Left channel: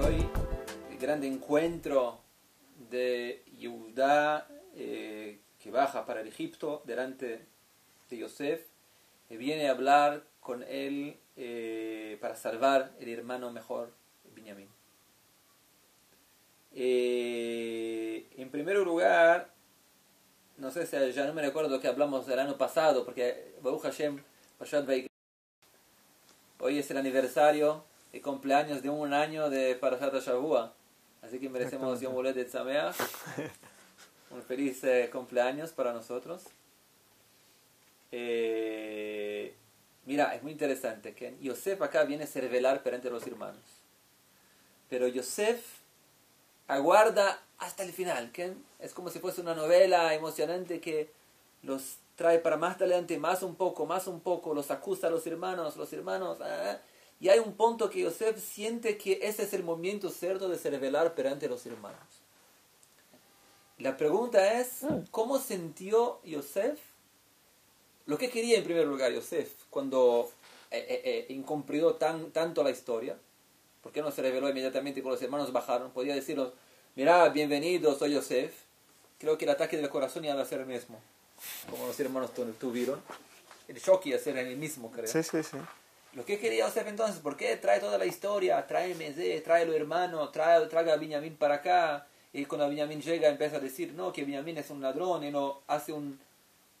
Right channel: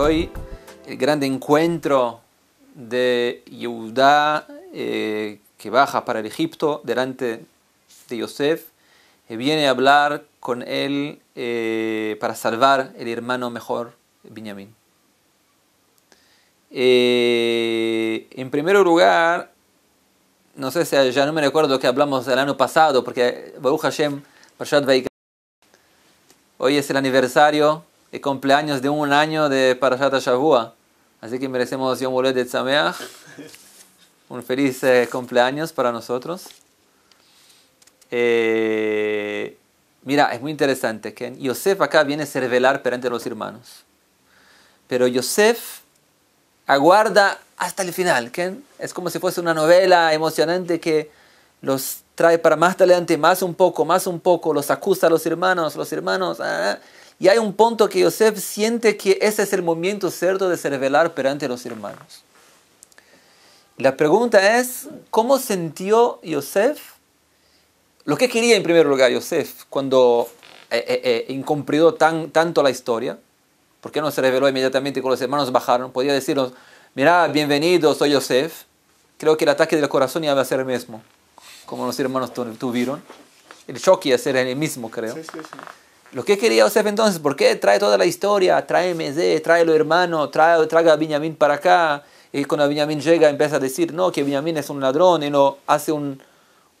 hoy el gran encuentro de Yehudá que baja para el Egipto delante de Yosef, viene a hablar con él para salvar el hermano mejor, Binyamin. En primer lugar, no sé si ya no me recuerdo que hablamos el año pasado, porque Baruch Hashem, Parashat Vaikra, hoy es el aniversario de cumpleaños de un año de Parashat Shavua, así que merecemos Yom Holedet Sameach, un feliz cumpleaños para nosotros. Mira, es muy interesante que Yosef acá viene a ser revelar perante los hermanos, pero Yosef aguarda hasta el final, ¿que? Es como si fuese una novela emocionante que los trae para más adelante, más un poco, los acusa a los hermanos, y hay un punto que Yosef siente que ese es el momento cierto de se revelar perante los hermanos. La pregunta es, ¿cómo sintió Yosef? Lo que quería en primer lugar Yosef cuando incumplió tanto la historia. ¿Por qué no se reveló inmediatamente cuando los hermanos bajaron? Podía decirnos, mira, bienvenido, soy Yosef. Creo que el ataque del corazón iba a ser el mismo, como los hermanos tuvieron. El shock iba a ser el mismo, creo. Sí. Lo que quería Yosef entonces, ¿por qué trae toda la historia? Tráeme, tráelo hermano, traiga a Binyamin para acá. Y cuando Binyamin llega empieza a decir, no, que Binyamin es un ladrón, y no hace una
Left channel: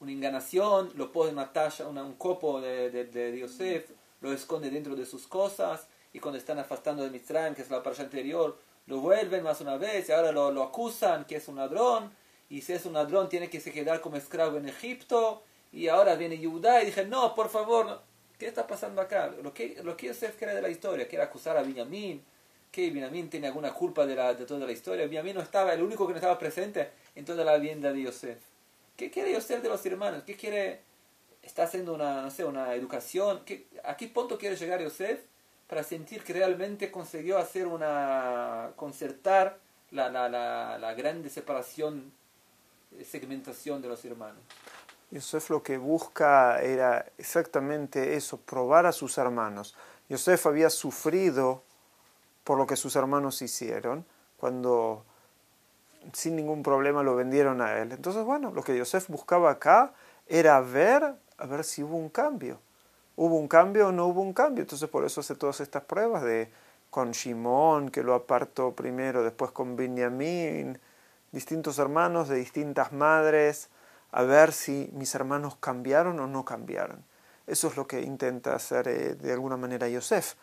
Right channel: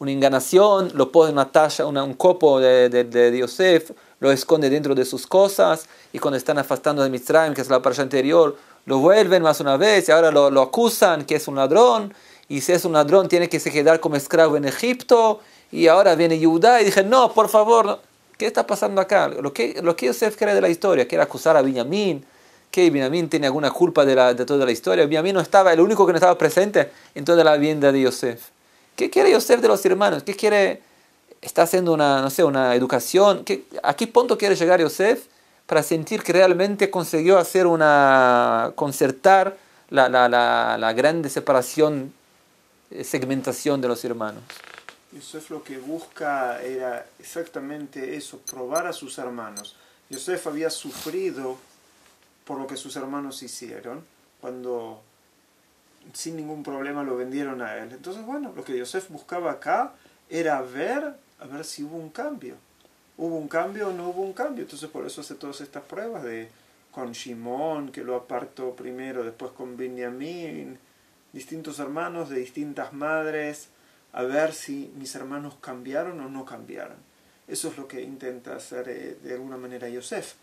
enganación, lo pone en una taza, un copo de Yosef, lo esconde dentro de sus cosas, y cuando están afastando de Mitzrayim, que es la parasha anterior, lo vuelven más una vez, y ahora lo acusan que es un ladrón, y si es un ladrón tiene que se quedar como esclavo en Egipto, y ahora viene Yehudá, y dije, no, por favor, ¿qué está pasando acá? Lo que Yosef cree de la historia, que era acusar a Binyamin, que Binyamin tiene alguna culpa de toda la historia. Binyamin no estaba, el único que no estaba presente en toda la vida de Yosef. ¿Qué quiere Yosef de los hermanos? ¿Qué quiere? ¿Está haciendo una educación? ¿A qué punto quiere llegar Yosef para sentir que realmente consiguió concertar la grande separación, segmentación de los hermanos? Yosef lo que busca era exactamente eso, probar a sus hermanos. Yosef había sufrido por lo que sus hermanos hicieron, cuando sin ningún problema lo vendieron a él. Entonces, bueno, lo que Yosef buscaba acá era a ver si hubo un cambio. ¿Hubo un cambio o no hubo un cambio? Entonces, por eso hace todas estas pruebas con Shimón, que lo apartó primero, después con Binyamin, distintos hermanos de distintas madres, a ver si mis hermanos cambiaron o no cambiaron. Eso es lo que intenta hacer de alguna manera Yosef.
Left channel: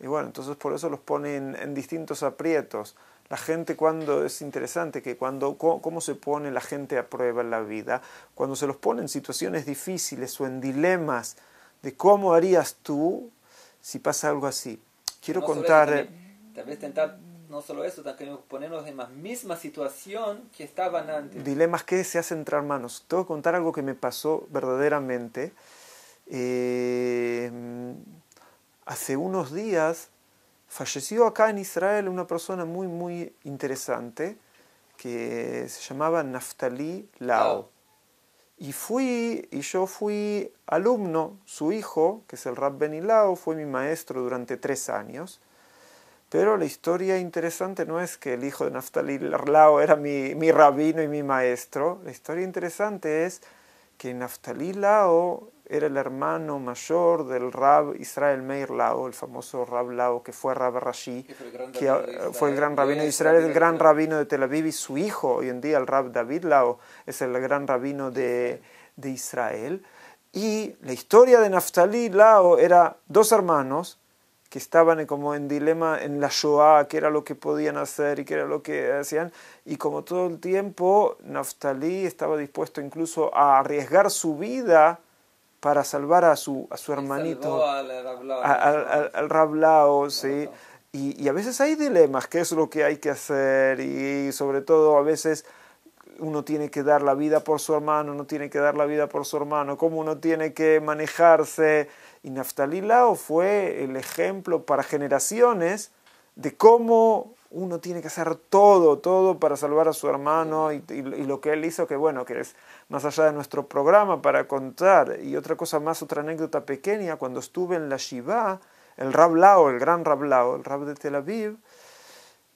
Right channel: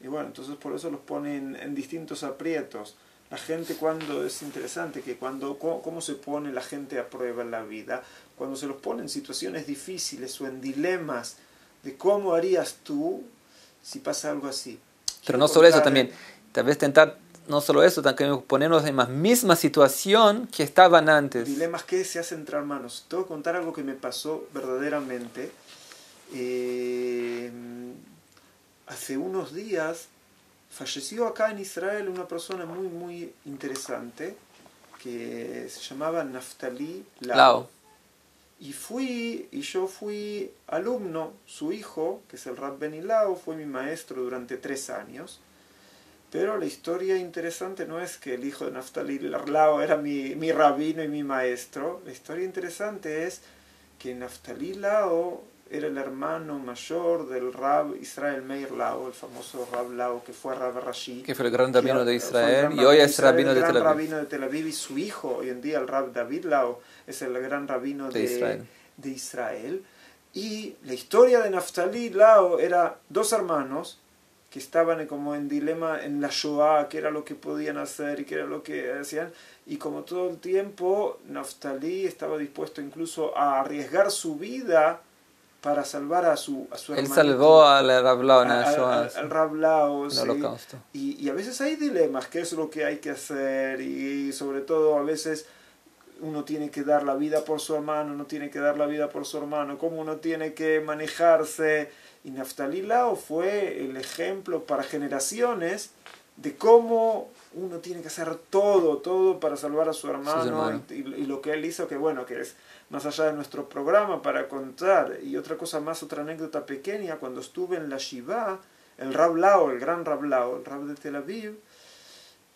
Y bueno, entonces por eso los pone en distintos aprietos. La gente es interesante que cómo se pone la gente a prueba en la vida, cuando se los pone en situaciones difíciles o en dilemas de cómo harías tú si pasa algo así. Pero no solo eso también, tal vez tentar, no solo eso, también ponernos en la misma situación que estaban antes. Dilemas que se hacen entre hermanos. Tengo que contar algo que me pasó verdaderamente. Hace unos días falleció acá en Israel una persona muy, muy interesante que se llamaba Naftali Lau. Y yo fui alumno, su hijo, que es el Rab Beni Lau, fue mi maestro durante 3 años. Pero la historia interesante no es que el hijo de Naftali Lau era mi rabino y mi maestro. La historia interesante es que Naftali Lau era el hermano mayor del Rab Israel Meir Lau, el famoso Rab Lau, que fue Rab Rashi. Que fue el gran rabino de Israel, y hoy es el gran rabino de Tel Aviv, y su hijo, hoy en día el Rab David Lau, es el gran rabino de Israel. Y la historia de Naftali Lau era 2 hermanos que estaban como en dilema en la Shoah, qué era lo que podían hacer y qué era lo que hacían. Y como todo el tiempo, Naftali estaba dispuesto incluso a arriesgar su vida para salvar a su hermanito. Él salvó al Rab Lau. Al Rab Lau, sí. Y a veces hay dilemas, qué es lo que hay que hacer, y sobre todo a veces uno tiene que dar la vida por su hermano, no tiene que dar la vida por su hermano, cómo uno tiene que manejarse. Y Naftali Lau fue el ejemplo para generaciones de cómo uno tiene que hacer todo para salvar a su hermano, y lo que él hizo, que bueno, que es más allá de nuestro programa para contar. Y otra cosa más, otra anécdota pequeña, cuando estuve en la Shiva, el Rab Lau, el gran Rab Lau, el Rab de Tel Aviv,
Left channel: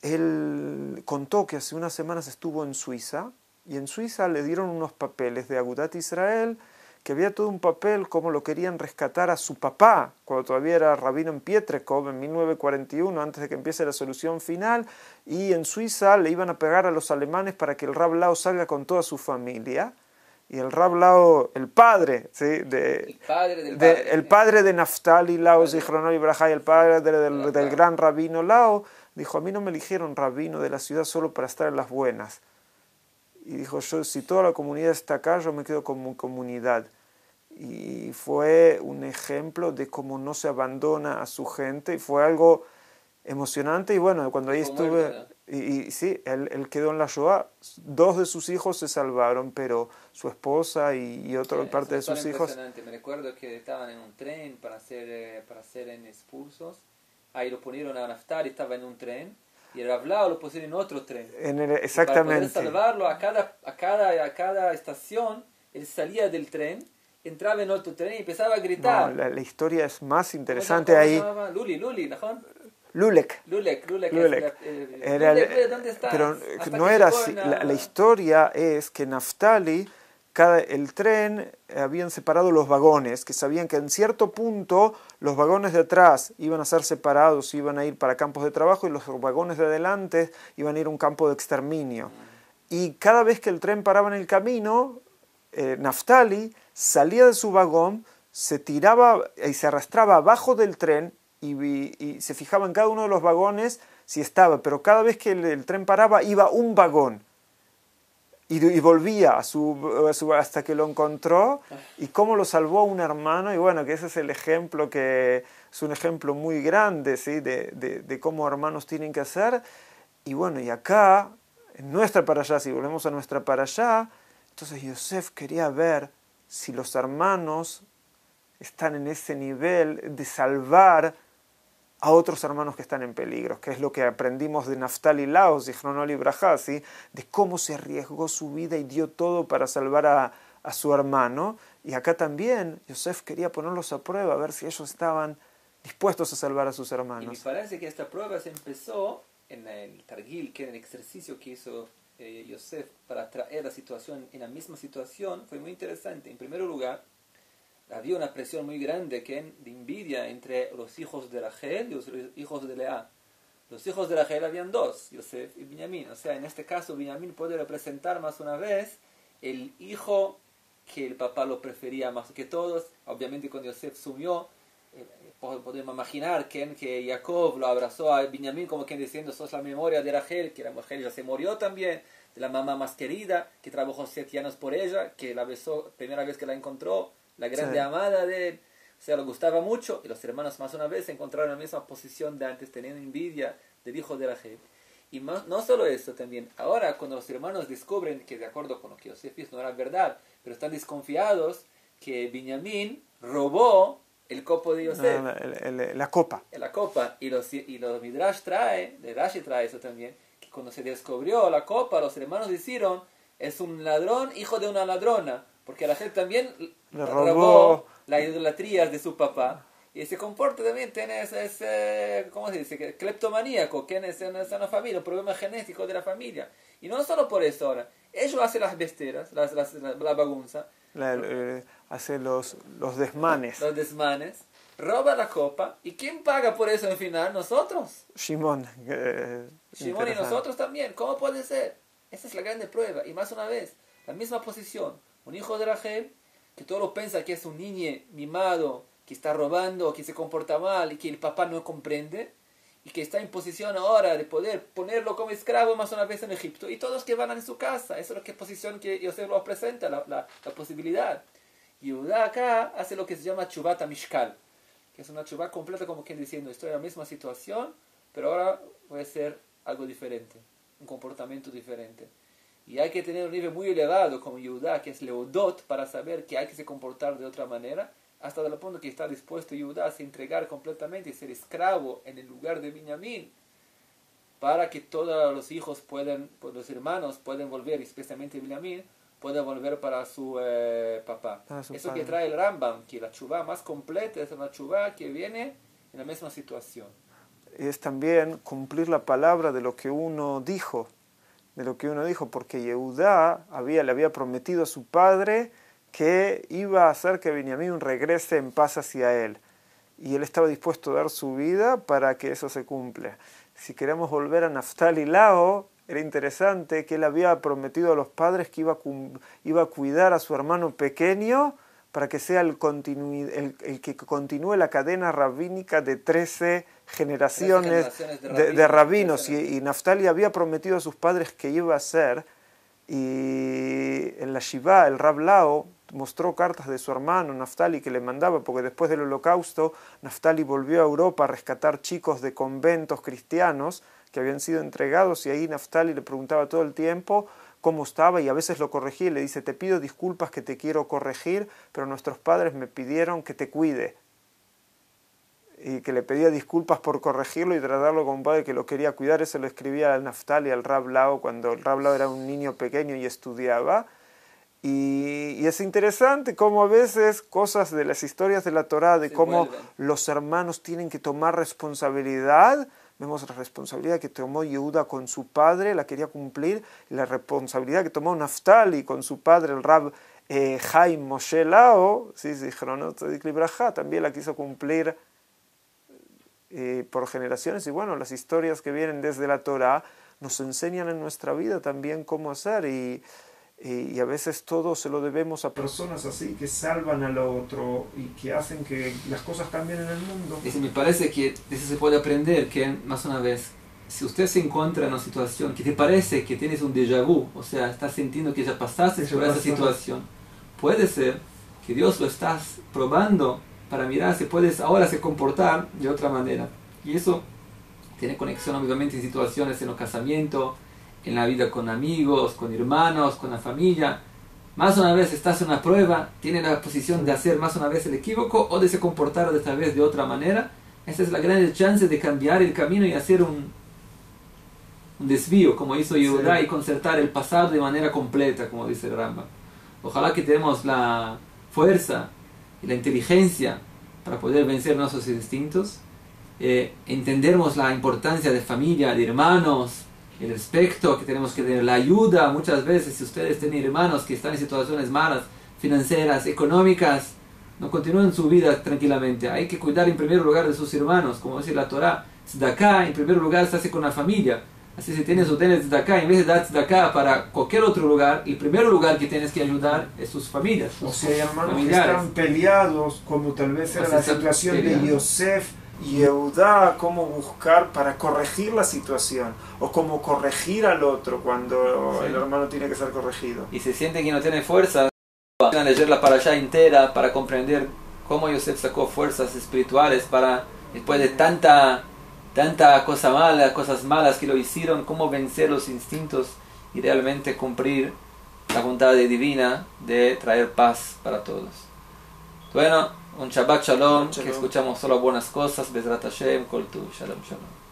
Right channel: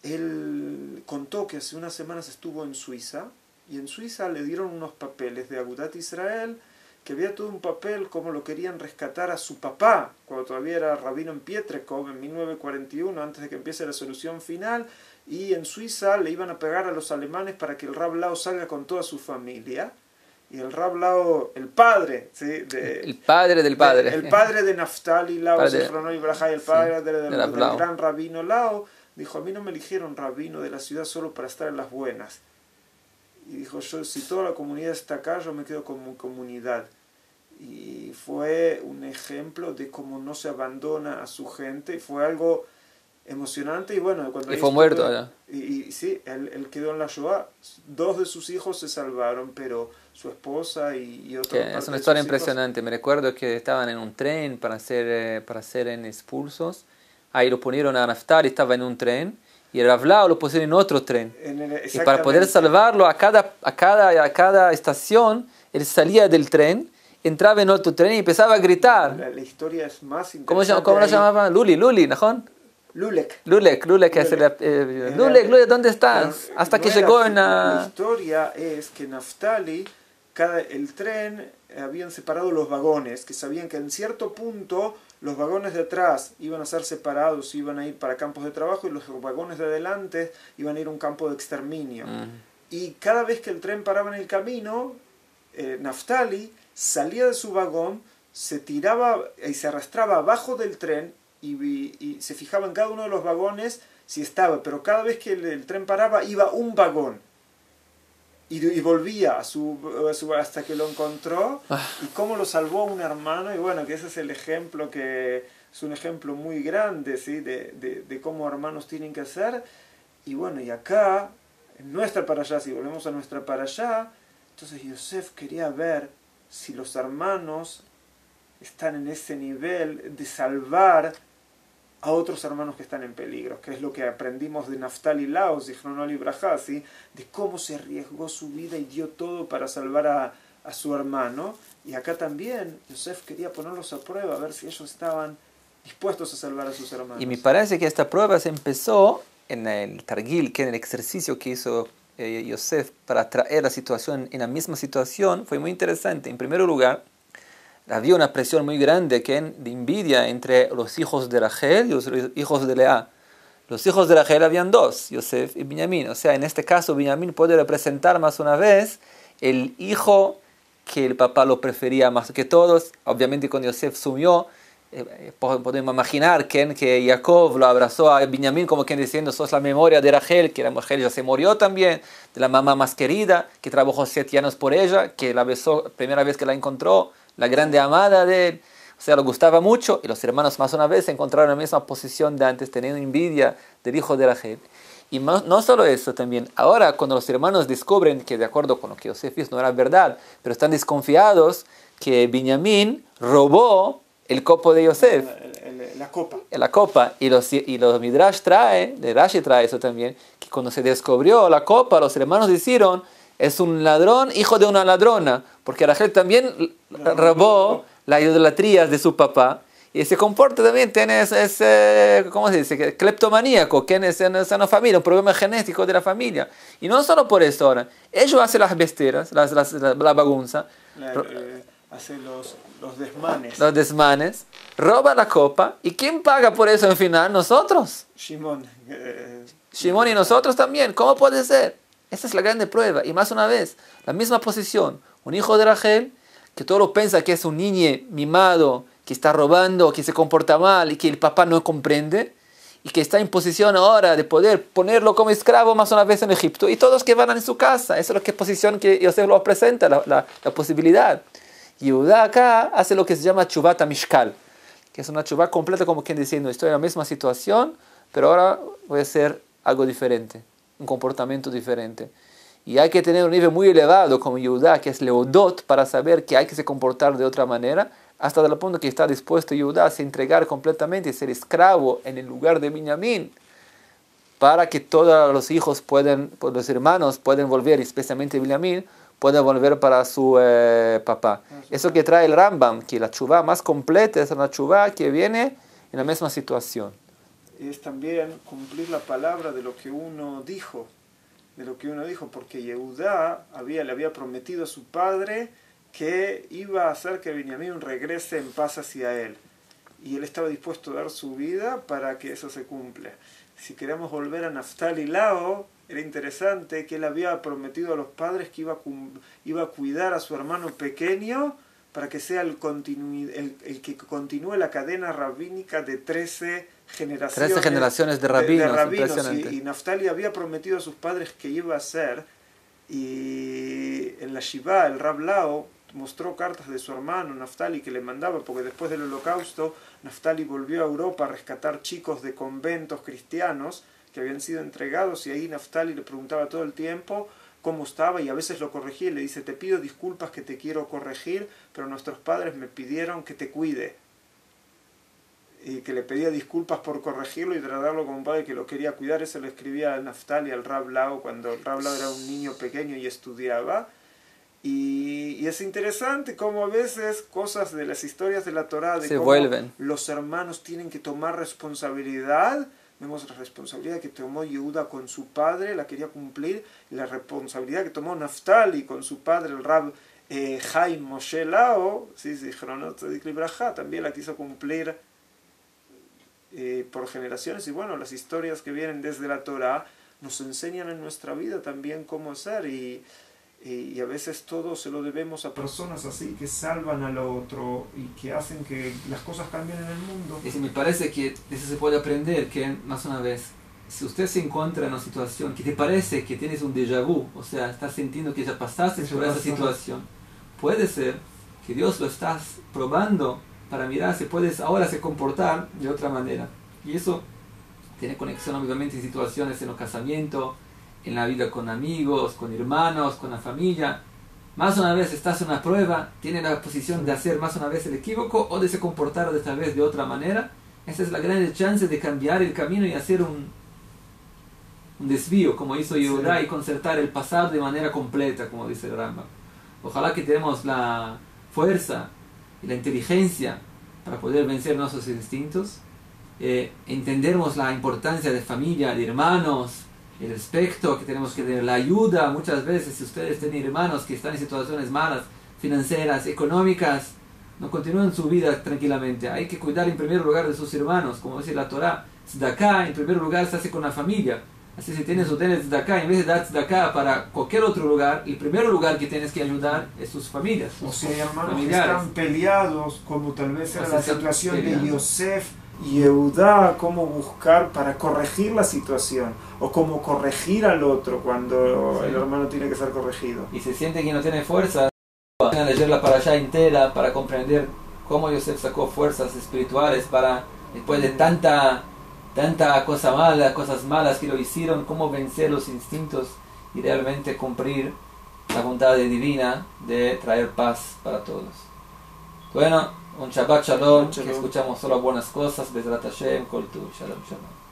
él contó que hace unas semanas estuvo en Suiza, y en Suiza le dieron unos papeles de Agudat Israel, que había todo un papel como lo querían rescatar a su papá, cuando todavía era rabino en Pietrkov, en 1941, antes de que empiece la solución final, y en Suiza le iban a pegar a los alemanes para que el Rab Lau salga con toda su familia. Y el Rab Lau, el padre, ¿sí? El padre del padre. El padre de Naftali Lau, Zichrono Libraja, y el padre Sí, del gran rabino Lau, dijo, a mí no me eligieron rabino de la ciudad solo para estar en las buenas. Y dijo, yo, si toda la comunidad está acá, yo me quedo como comunidad. Y fue un ejemplo de cómo no se abandona a su gente, y fue algo emocionante. Y bueno, cuando Y fue muerto ya. Y sí, él quedó en la Shoah. 2 de sus hijos se salvaron, pero su esposa y otra parte de sus hijos... Es una historia impresionante. Me recuerdo que estaban en un tren para ser expulsos. Ahí lo ponieron a Naftali, estaba en un tren. Y el Rav Lau lo pusieron en otro tren. Y para poder salvarlo a cada estación, él salía del tren, entraba en otro tren y empezaba a gritar. No, la historia es más interesante. ¿Cómo lo llamaban? Luli, ¿no? Lulek, Lulek, ¿dónde estás? Hasta que llegó en la historia es que Naftali, el tren, habían separado los vagones, que sabían que en cierto punto los vagones de atrás iban a ser separados, iban a ir para campos de trabajo, y los vagones de adelante iban a ir a un campo de exterminio. Y cada vez que el tren paraba en el camino, Naftali salía de su vagón, se tiraba y se arrastraba abajo del tren, y se fijaba en cada uno de los vagones si estaba, pero cada vez que el tren paraba iba un vagón y volvía hasta que lo encontró, y cómo lo salvó un hermano. Y bueno, que ese es el ejemplo, que es un ejemplo muy grande, ¿sí? de cómo hermanos tienen que hacer. Y bueno, y acá en nuestra parashá, si volvemos a nuestra parashá, entonces Yosef quería ver si los hermanos están en ese nivel de salvar a otros hermanos que están en peligro, que es lo que aprendimos de Naftali Lau, Zichrono Libraja, ¿sí? De cómo se arriesgó su vida y dio todo para salvar a su hermano. Y acá también Yosef quería ponerlos a prueba, a ver si ellos estaban dispuestos a salvar a sus hermanos. Y me parece que esta prueba se empezó en el Targil, que en el ejercicio que hizo Yosef para traer la situación en la misma situación, fue muy interesante. En primer lugar, había una presión muy grande de envidia entre los hijos de Rachel y los hijos de Lea. Los hijos de Rachel habían 2, Yosef y Binyamin. O sea, en este caso, Binyamin puede representar más una vez el hijo que el papá lo prefería más que todos. Obviamente, cuando Yosef sumió, podemos imaginar que Jacob lo abrazó a Binyamin como quien diciendo, sos la memoria de Rachel, que la mujer ya se murió también, de la mamá más querida, que trabajó 7 años por ella, que la besó primera vez que la encontró, la grande amada de él. O sea, le gustaba mucho, y los hermanos más una vez se encontraron en la misma posición de antes, teniendo envidia del hijo de Rachel. Y no solo eso también, ahora cuando los hermanos descubren que de acuerdo con lo que Yosef hizo no era verdad, pero están desconfiados que Binyamin robó el copo de Yosef. La copa. La copa. Y los Midrash Rashi trae eso también, que cuando se descubrió la copa, los hermanos dijeron, es un ladrón, hijo de una ladrona, porque Rachel también robó la idolatría de su papá, y se comporta también, ¿cómo se dice? Cleptomaníaco, que es una familia, un problema genético de la familia. Y no solo por eso ahora, ellos hacen las besteras, la bagunza, hace los desmanes. Los desmanes, roba la copa, ¿y quién paga por eso en final? Nosotros. Shimon. Shimon y nosotros también, ¿cómo puede ser? Esa es la grande prueba. Y más una vez, la misma posición. Un hijo de Rachel, que todo lo piensa que es un niño mimado, que está robando, que se comporta mal y que el papá no comprende, y que está en posición ahora de poder ponerlo como esclavo más una vez en Egipto, y todos que van en su casa. Esa es la posición que Yosef lo presenta, la posibilidad. Y Judá acá hace lo que se llama Chuvat Mishkal, que es una chuvá completa, como quien diciendo, estoy en la misma situación, pero ahora voy a hacer algo diferente, un comportamiento diferente. Y hay que tener un nivel muy elevado como Yehudá, que es Leodot, para saber que hay que se comportar de otra manera, hasta el punto que está dispuesto Yehudá a se entregar completamente y ser esclavo en el lugar de Binyamin, para que todos los hijos los hermanos pueden volver, especialmente Binyamin, pueden volver para su papá. Eso que trae el Rambam, que la chuvá más completa es una chuvá que viene en la misma situación. es también cumplir la palabra de lo que uno dijo, porque Yehudá le había prometido a su padre que iba a hacer que Benjamín regrese en paz hacia él, y él estaba dispuesto a dar su vida para que eso se cumpla. Si queremos volver a Naftali Lao, era interesante que él había prometido a los padres que iba a cuidar a su hermano pequeño para que sea el que continúe la cadena rabínica de 13 generaciones de rabinos. Y Naftali había prometido a sus padres que iba a hacer, y en la Shiva el Rab Lao mostró cartas de su hermano Naftali que le mandaba, porque después del holocausto Naftali volvió a Europa a rescatar chicos de conventos cristianos que habían sido entregados, y ahí Naftali le preguntaba todo el tiempo cómo estaba, y a veces lo corregía y le dice: te pido disculpas que te quiero corregir, pero nuestros padres me pidieron que te cuide, y que le pedía disculpas por corregirlo y tratarlo como un padre que lo quería cuidar. Eso lo escribía a Naftali al Rab Lao cuando el Rab Lao era un niño pequeño y estudiaba. Y es interesante cómo a veces cosas de las historias de la Torá, de cómo los hermanos tienen que tomar responsabilidad. Vemos la responsabilidad que tomó Yehuda con su padre, la quería cumplir, y la responsabilidad que tomó Naftali con su padre, el Rab Chaim Moshe Lao, también la quiso cumplir por generaciones. Y bueno, las historias que vienen desde la Torá nos enseñan en nuestra vida también cómo hacer, y a veces todo se lo debemos a personas así que salvan al otro y que hacen que las cosas cambien en el mundo. Y me parece que de eso se puede aprender que, más una vez, si usted se encuentra en una situación que te parece que tienes un déjà vu, o sea, estás sintiendo que ya pasaste por esa situación, puede ser que Dios lo estás probando para mirar si puedes ahora se comportar de otra manera. Y eso tiene conexión obviamente en situaciones en el casamiento, en la vida con amigos, con hermanos, con la familia. Más una vez estás en una prueba, tienes la posición de hacer más una vez el equívoco o de se comportar de tal vez de otra manera. Esa es la gran chance de cambiar el camino y hacer un desvío, como hizo Yehudá, y concertar el pasado de manera completa, como dice el Rambam. Ojalá que tenemos la fuerza y la inteligencia para poder vencer nuestros instintos, entendemos la importancia de familia, de hermanos, el respeto que tenemos que tener, la ayuda. Muchas veces, si ustedes tienen hermanos que están en situaciones malas, financieras, económicas, no continúen su vida tranquilamente. Hay que cuidar en primer lugar de sus hermanos, como dice la Torá. Tzedakah en primer lugar se hace con la familia. Así, si tienes tzedakah, en vez de dar tzedakah para cualquier otro lugar, el primer lugar que tienes que ayudar es sus familias. O sea, hay hermanos familiares que están peleados, como tal vez era la situación de Yosef y Yehudá, cómo buscar para corregir la situación, o cómo corregir al otro cuando el hermano tiene que ser corregido. Y se siente que no tiene fuerza, van a leer la parashá entera para comprender cómo Yosef sacó fuerzas espirituales para, después de tanta cosa mala, cosas malas que lo hicieron, cómo vencer los instintos y realmente cumplir la voluntad divina de traer paz para todos. Bueno, un Shabbat Shalom, que escuchamos solo buenas cosas. Bezrat Hashem, Kol Tuv, Shalom Shalom.